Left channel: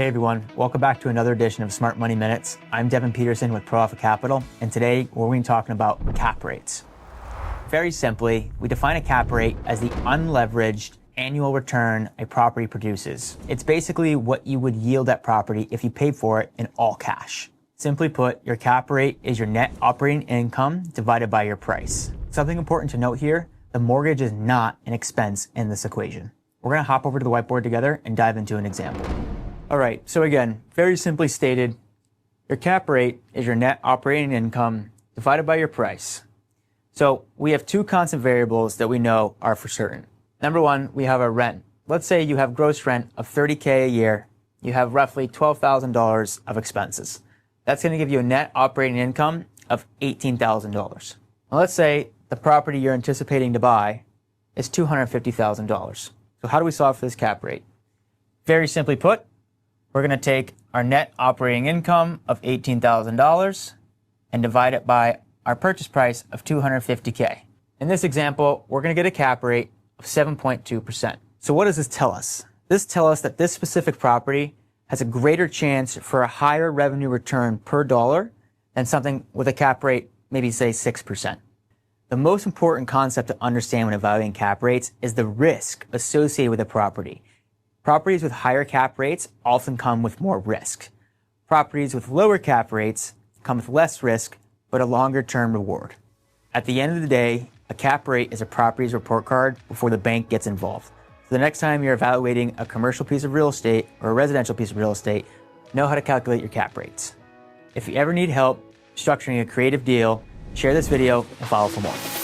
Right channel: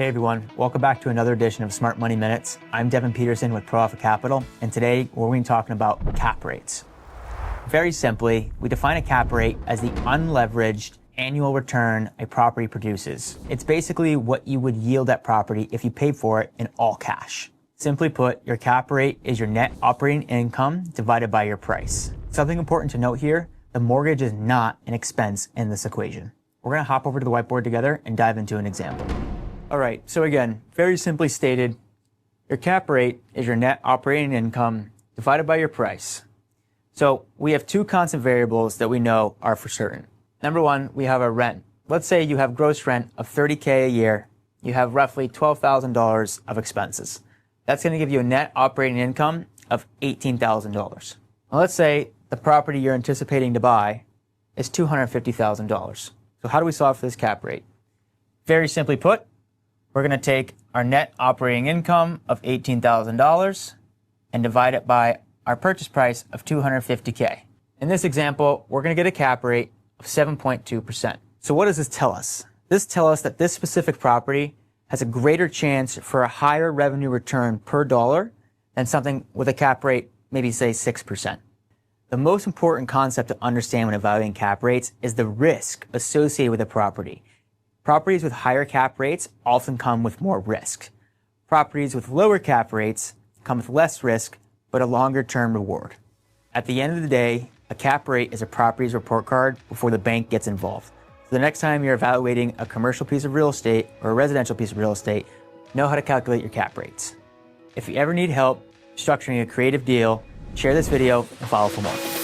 Hey everyone, welcome back to another edition of Smart Money Minutes. I'm Devin Peterson with ProAlpha Capital, and today we're going to be talking about cap rates. Very simply, we define a cap rate as the unleveraged annual return a property produces. It's basically what you would yield that property if you paid for it in all cash. Simply put, your cap rate is your net operating income divided by your price. Something important to note here, the mortgage is not an expense in this equation. We're going to hop over to the whiteboard together and dive into an example. All right, so again, very simply stated, your cap rate is your net operating income divided by your price. So we have two constant variables that we know are for certain. Number one, we have our rent. Let's say you have gross rent of $30K a year. You have roughly $12,000 of expenses. That's going to give you a net operating income of $18,000. Well, let's say the property you're anticipating to buy is $250,000. So how do we solve for this cap rate? Very simply put, we're going to take our net operating income of $18,000 and divide it by our purchase price of $250K. In this example, we're going to get a cap rate of 7.2%. So what does this tell us? This tells us that this specific property has a greater chance for a higher revenue return per dollar than something with a cap rate, maybe say 6%. The most important concept to understand when evaluating cap rates is the risk associated with a property. Properties with higher cap rates often come with more risk. Properties with lower cap rates come with less risk, but a longer term reward. At the end of the day, a cap rate is a property's report card before the bank gets involved. So the next time you're evaluating a commercial piece of real estate or a residential piece of real estate, know how to calculate your cap rates. If you ever need help structuring a creative deal, share this video and follow for more.